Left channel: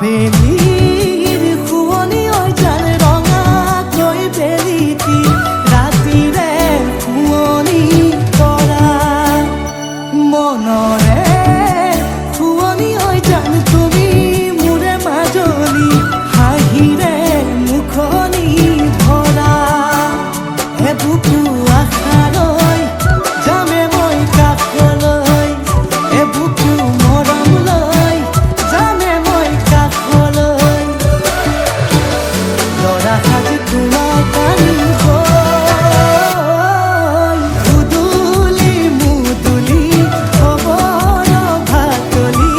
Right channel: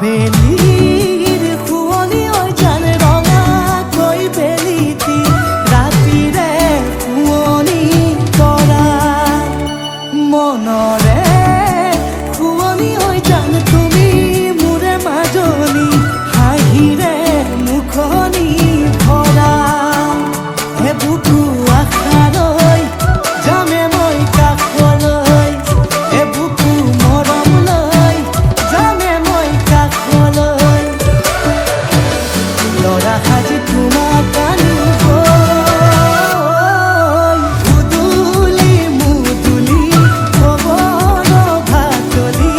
আবেলিৰ শুৱনি ঐ জান ৰঙাকৈ বেলিটি ৰাতিৰে শুৱনি তৰা মনৰে শুৱনি ঐ জান তুমি মোৰে মাজনী হাঁহিৰে মুখনি ভৰা বুকু আশালৈ যামে মই কাষলৈ বুকু মৰম লৈ যামে মই কাষলৈ লৰা সাজি তোমাক আনিম উদুলি মুদুলি খবৰ ভাতলি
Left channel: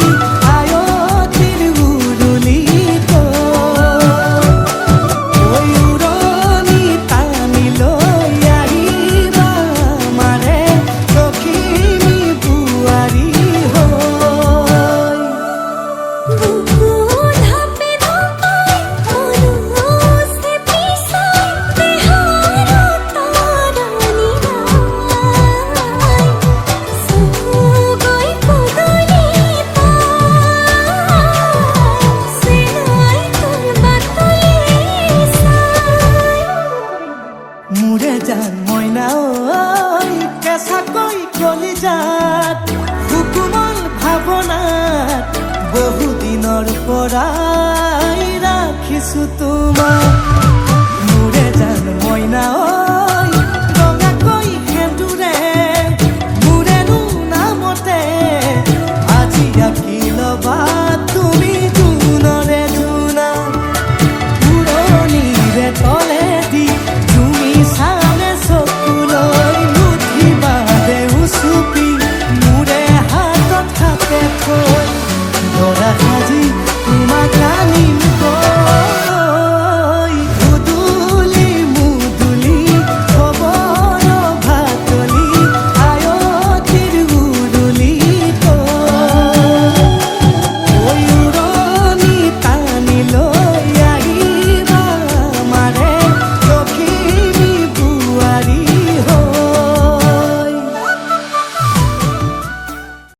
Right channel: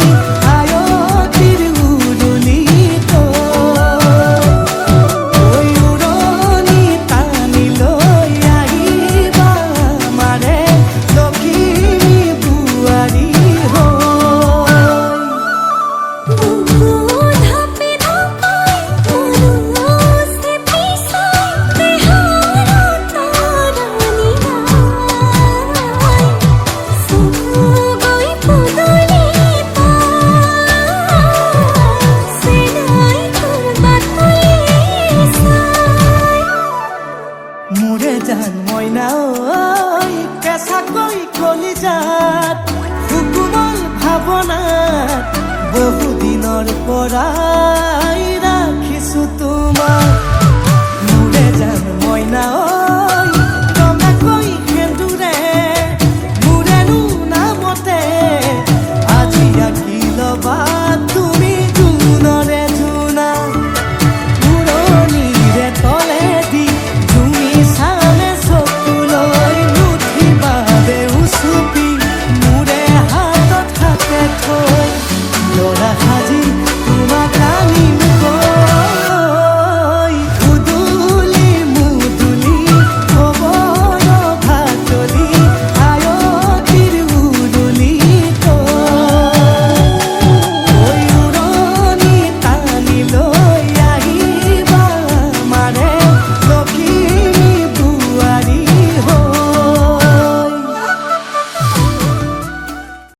আয়তিৰ উৰুলি মোৰে জান মইনা ঐ কেঁচাকৈ কলিজাত সুকুমল ভাৱনাত বহুদিনৰ পৰাই ৰাখিছো তোমাক মোৰে জান মইনা ঐ ৰঙাকৈ সেন্দুৰে মোৰেনো নামতে আজি আঁকি ল'বা তুমি জোনৰে জোনা উৰণিৰে তলেদি চামে চকুলৈ নুঠিবা দেউ চুপি মোৰে হাতত হাতে থৈ দৰা সাজি তোমাক আনিম গৈ